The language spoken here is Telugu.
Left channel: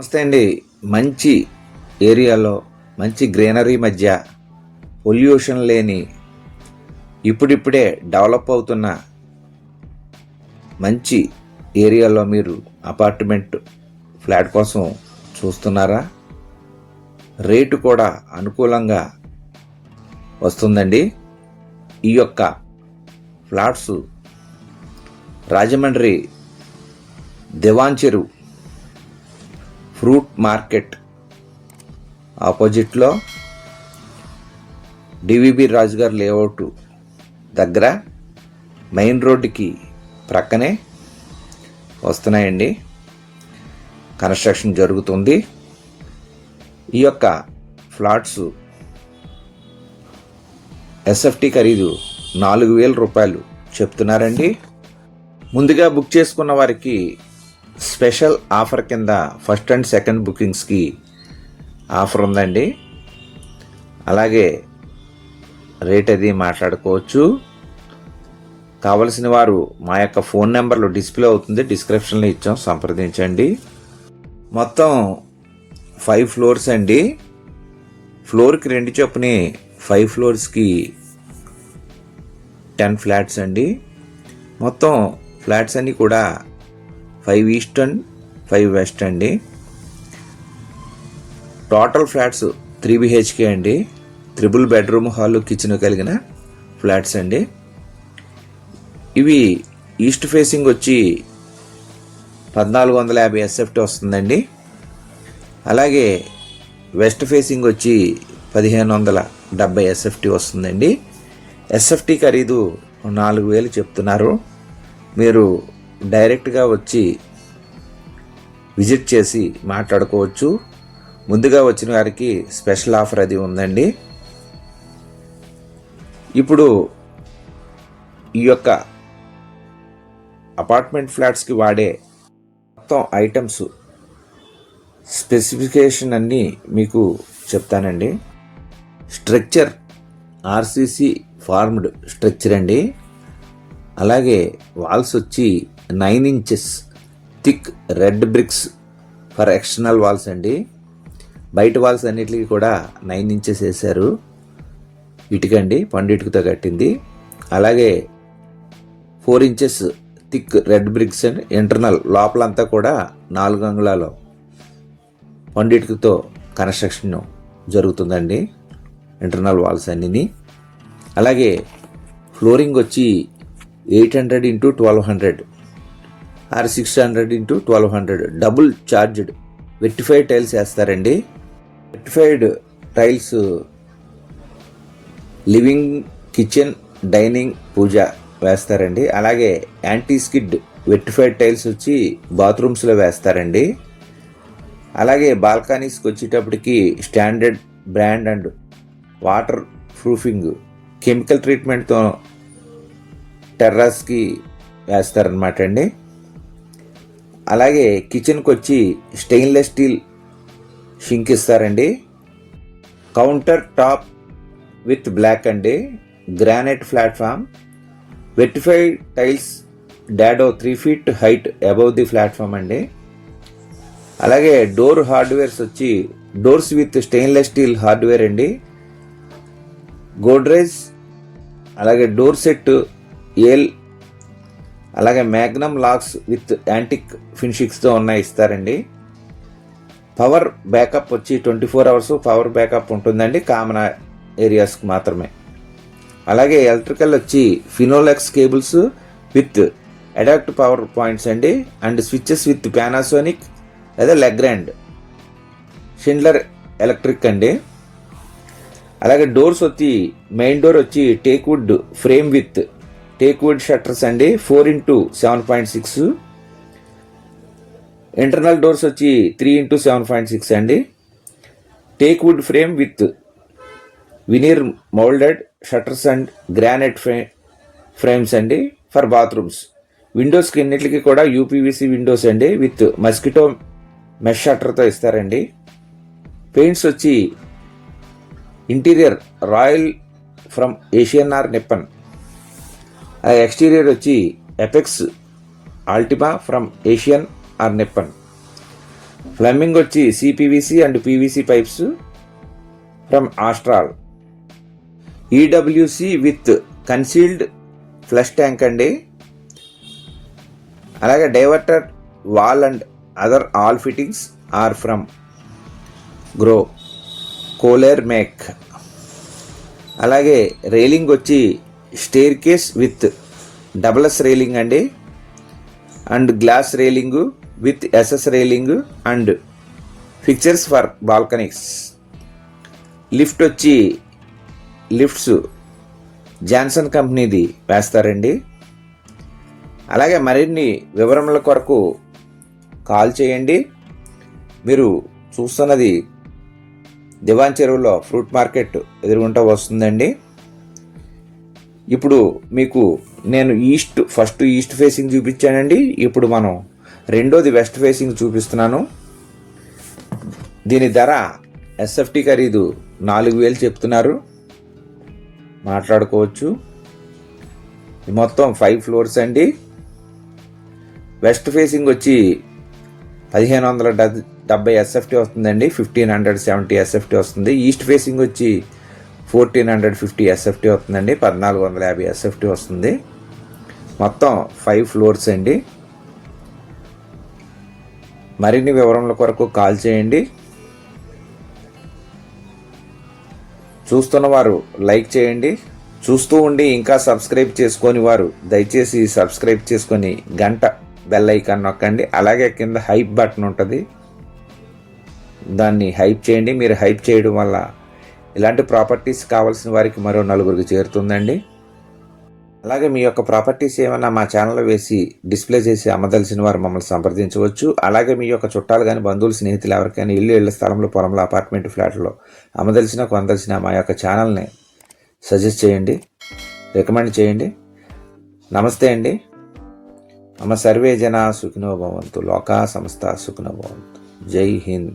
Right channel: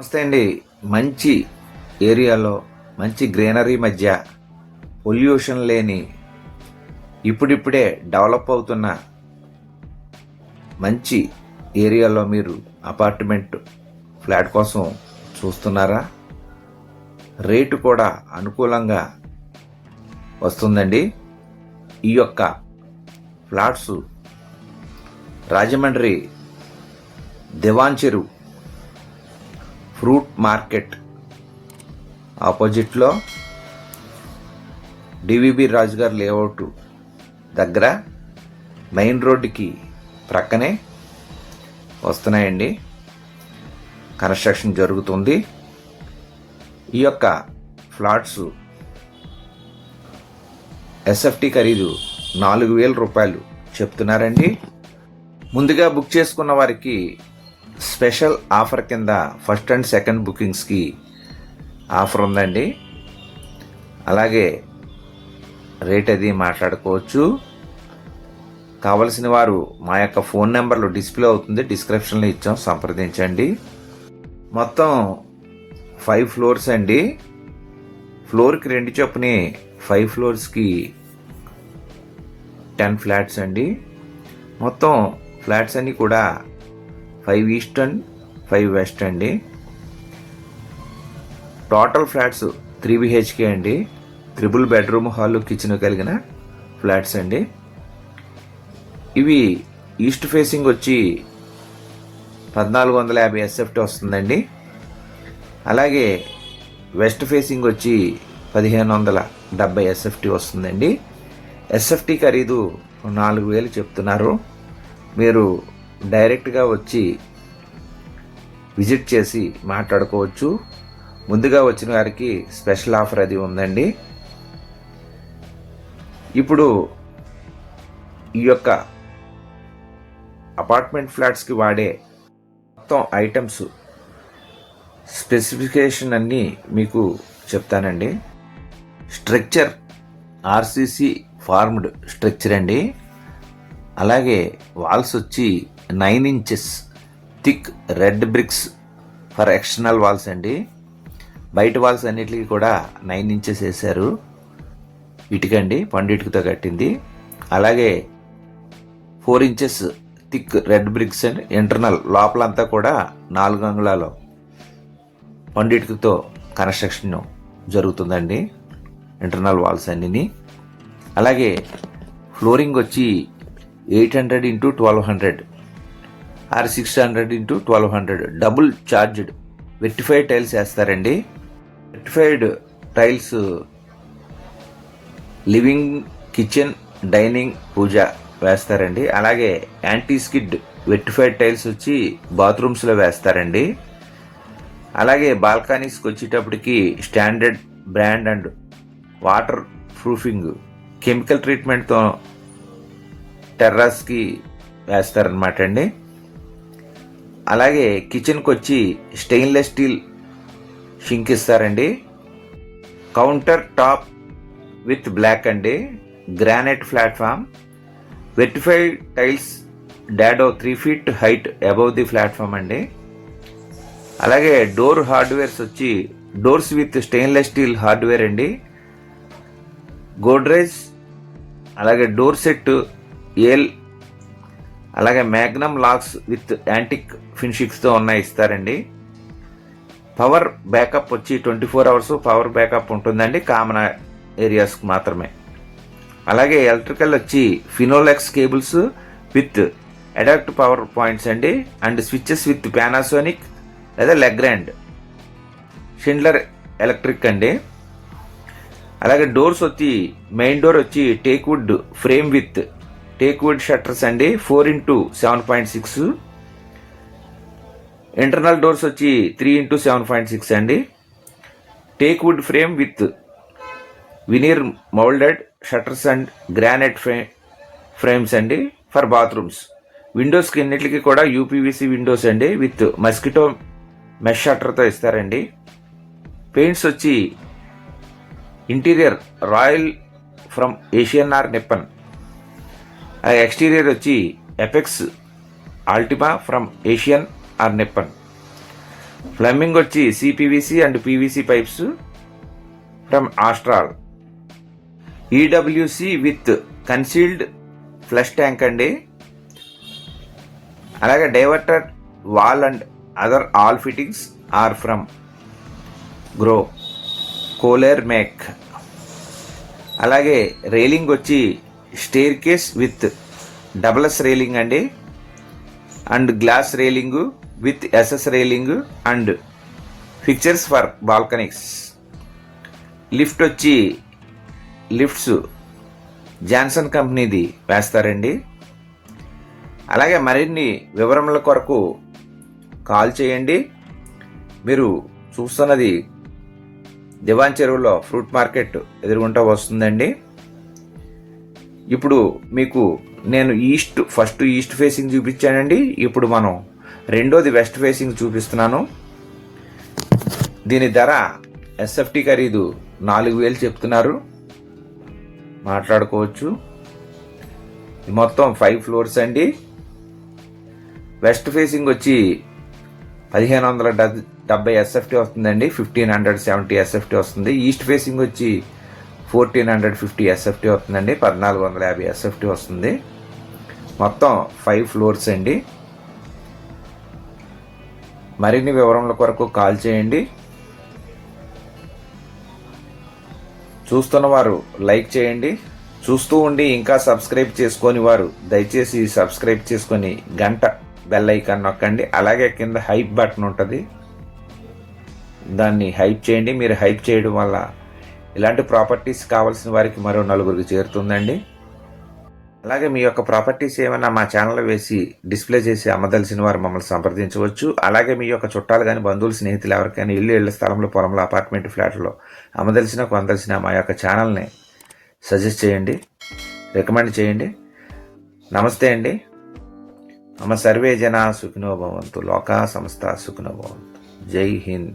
నమస్తే అండి. మంచి ఏరియాలో మంచి గ్రీనరీ మధ్య పొల్యూషన్ లేని ఇప్పుడిప్పుడే డెవలప్ అవుతున్న మంచి ఏరియాలో మీరు అపార్ట్మెంట్ ఫ్లాట్ కోసం చూస్తున్నారా? రేటు కూడా అనుకూలంగా వస్తుందండి. ఈ యొక్క ఫ్లాట్స్ రాజమండ్రి దివాన్ చెరువు ఫ్రూట్ మార్కెట్ ఆపోజిట్లో డివిబి రాజు గారి లేఅవుట్ దగ్గర మెయిన్ రోడ్డుకి ప్రక్కనే వస్తున్నాయండి. కన్స్ట్రక్షన్ జరుగుతుంది. ఈ యొక్క ఫ్లాట్స్ ఎస్ఎఫ్టీ ఖరీదు 4,000 రూపాయలు చెప్తున్నారండి. ముందుగా బుక్ చేసుకున్న వారికి స్పెషల్ ఆఫర్ కింద ఫస్ట్ అండ్ సెకండ్ బుకింగ్స్కి ఆఫర్ ఉందండి. అలాగే రేట్ అది మాట్లాడుకోవచ్చు. కావలసిన వారు మా యొక్క ఫోన్ నెంబర్లో డిస్ప్లే అవుతుంది, డిస్క్రిప్షన్లో ఇచ్చాం, సంప్రదించండి. మొత్తం 5 ఫ్లోర్స్ అండి. ఫ్లోర్కి 2 చొప్పున 5 ఫ్లోర్స్కి 10 ఫ్లాట్స్ అండి. మొత్తం ఫ్లాట్స్ అన్నీ కూడా 5 ఈస్ట్ అండ్ 5 వెస్ట్ అండి. టోటల్ ఫ్లాట్స్ 3 BHK అండి. 3 బెడ్రూమ్ హాల్ కిచెన్ కలిగిన ఫ్లాట్స్ అండి. ఇవి ఈస్ట్ ఫేసింగ్ వచ్చి 1450 SFT వస్తుందండి. అలాగే వెస్ట్ ఫేసింగ్ వచ్చి 1570 SFT వస్తుందండి. SFT ఖరీదు 4,000 చెప్తున్నారు. మీరు డైరెక్ట్గా వచ్చి విజిట్ చేసి మాట్లాడుకోవచ్చు. ముందుగా వచ్చిన వారికి స్పెషల్ ఆఫర్ అది ఉందండి. ఇప్పుడు ఈ యొక్క అపార్ట్మెంట్ ఫ్లాట్స్కి వాడే మొత్తం ఐటమ్స్ స్పెసిఫికేషన్ అన్నీ మీకు చెప్తానండి. స్ట్రక్చర్ RCC ఫార్మ్డ్ స్ట్రక్చర్ అండి. అలాగే వాల్స్ వచ్చి 9 inches thick red bricks for external walls అండి. బయట వాల్స్ అన్నిటికీ కూడా 9 ఇంచెస్ వేశారు. ఇటుకండి, పండిటుకతో కట్టింది. అలాగే 4 inches thick red bricks and internal లోపలంతా కూడా 4 అంగుళాల పండిటుకతో కన్స్ట్రక్షన్ జరుగుతుందండి. ఇంటర్నల్ వాల్స్ అన్నీ. అలాగే ఫ్లోరింగ్ వచ్చి 800 x 1200 or 600 x 1200 double charged vitrified tiles వేస్తారండి. Vitrified tiles living, kitchen, dining, puja వేస్తారండి. అలాగే యాంటీ స్కిడ్ వెర్టిఫైడ్ టైల్స్ వచ్చి బాత్రూమ్స్లో వేస్తారండి. అలాగే బాల్కనీస్కి వచ్చేటప్పటికి standard brand and waterproofing chemical ట్రీట్మెంట్తో టెర్రాస్కి వేస్తారనమాట అండి. అలాగే కిచెన్కి వచ్చి స్టెయిన్లెస్ స్టీల్ షింక్ ఇస్తారండి. కౌంటర్ టాప్ విత్ బ్లాక్ అండి. Granite platform, vitrified tiles, dado 3 feet height above the platform అండి. అలాగే డోర్ హార్డ్వేర్స్ వచ్చి doors with stainless steel hardware అండి. గోడ్రేజ్, అలాగే డోర్ సెట్ ఏల్, అలాగే మ్యాగ్నమ్ లాక్స్ విత్ యాంటిక్ ఫినిషింగ్స్తో ఉన్నాయి ఇస్తారండి. పవర్ బ్యాకప్ వచ్చి 24 hours పవర్ బ్యాకప్ ఉంటుందండి, కామన్ ఏరియాస్కి మాత్రమే. అలాగే ఎలక్ట్రికల్ వచ్చి Finolex cables with adapt power points అండి. అండ్ స్విచెస్ విత్ పానాసోనిక్ లేదా లెగ్రాండ్ షిండ్లర్ ఎలక్ట్రిక్ అండి. అలాగే డోర్స్ వచ్చి మెయిన్ డోర్ వచ్చి teakwood frame with teakwood shutters అండి, 4 x 7.6. ఇంటర్నల్ డోర్స్ వచ్చి 3 x 7.6 అండి. Teakwood frame with veneer moulded shutters and granite frames అండి ఫర్ బాత్రూమ్స్. విండోస్కి అన్నిటికీ కూడా UPVC విండోస్ అండి విత్ మస్కిటో మెష్ షట్టర్తో ఇస్తారండి. పెయింట్స్ వచ్చి interior royal from Asian Nippon. Exterior వచ్చి Apex Ultima from Asian Nippon. Plumbing వచ్చి CPVC and PVC pipes from Astral. EWC with concealed flush tank అండి. అలాగే diverter wall and other all fittings are from Grohe Kohler make. అలాగే రైలింగ్ వచ్చి stair case with double S railing అండి, and glass railing with SS railing and fixtures for balconies. Lift వచ్చి లిఫ్ట్స్ జాన్సన్ కంపెనీది వేస్తారండి. అలాగే మరిన్ని వివరముల కొరకు కాల్ చేయండి. మీరు చూస్తున్నది దివాన్ చెరువులో ఫ్రూట్ మార్కెట్ ఎదురుగుంటా వస్తుందండి. ఇప్పుడు మీకు నేను ఫస్ట్ ఈస్ట్ ఫేసింగ్ చూపించానండి. ఇప్పుడు మనం రెండోది వెస్ట్ ఫేసింగ్ చూపిస్తున్నాను. దీని ధర ఎస్ఎఫ్టీ ఖరీదు 4,000 చెప్తున్నారు, మాట్లాడుకోవచ్చు. ఇది మొత్తం 5 ఫ్లోర్స్ అండి. వెస్ట్ ఫేసింగ్ వచ్చి 1,570 ఎస్ఎఫ్టీ వస్తుందండి, 1,570 ఎస్ఎఫ్టీ వస్తుంది. ఈస్ట్ ఫేసింగ్ వచ్చి 1,450 ఎస్ఎఫ్టీ వస్తుందండి, 1,450 ఎస్ఎఫ్టీ వస్తుంది. మొత్తం 5 ఫ్లోర్స్ అండి. మరిన్ని వివరముల కొరకు కాల్ చేయండి. చూస్తున్న వారు లైక్ చేయండి. చూస్తూ ఉండి ఇంకా సబ్స్క్రైబ్ చేసుకొని వారు దయచేసి సబ్స్క్రైబ్ చేసుకొని గంట బెల్ ఐకాన్ నొక్కండి. అలాగే కింద హైప్ బటన్ ఉంటుంది, దాన్ని హైప్ చేయండి. మీరు హైప్ చేయడం వల్ల ఇలాంటి ప్రాపర్టీస్ కావాల్సిన వారికి మరో 4గురికి చేరుతుందండి. అలాగే మీ యొక్క ప్రాపర్టీస్ ఏమైనా మా ఛానల్లో వేసి డిస్ప్లే చేసి అమ్మదలిసిన వారు మమ్మల్ని సంప్రదించవచ్చు. అలాగే మీ యొక్క చుట్టాలు కానీ బంధువులు స్నేహితులు ఎవరికైనా ఇళ్ళ స్థలంలో పొలంలో అపార్ట్మెంట్ ఫ్లాట్లో అమ్మదలిసిన కొనదలిసిన మా యొక్క ఛానల్ని సజెస్ట్ చేయండి, రికమెండ్ చేయండి. నమస్తే అండి. మమ సర్వే జనా సుఖినో భవంతు, లోకా సమస్త సుఖినో భవంతు. జై హింద్.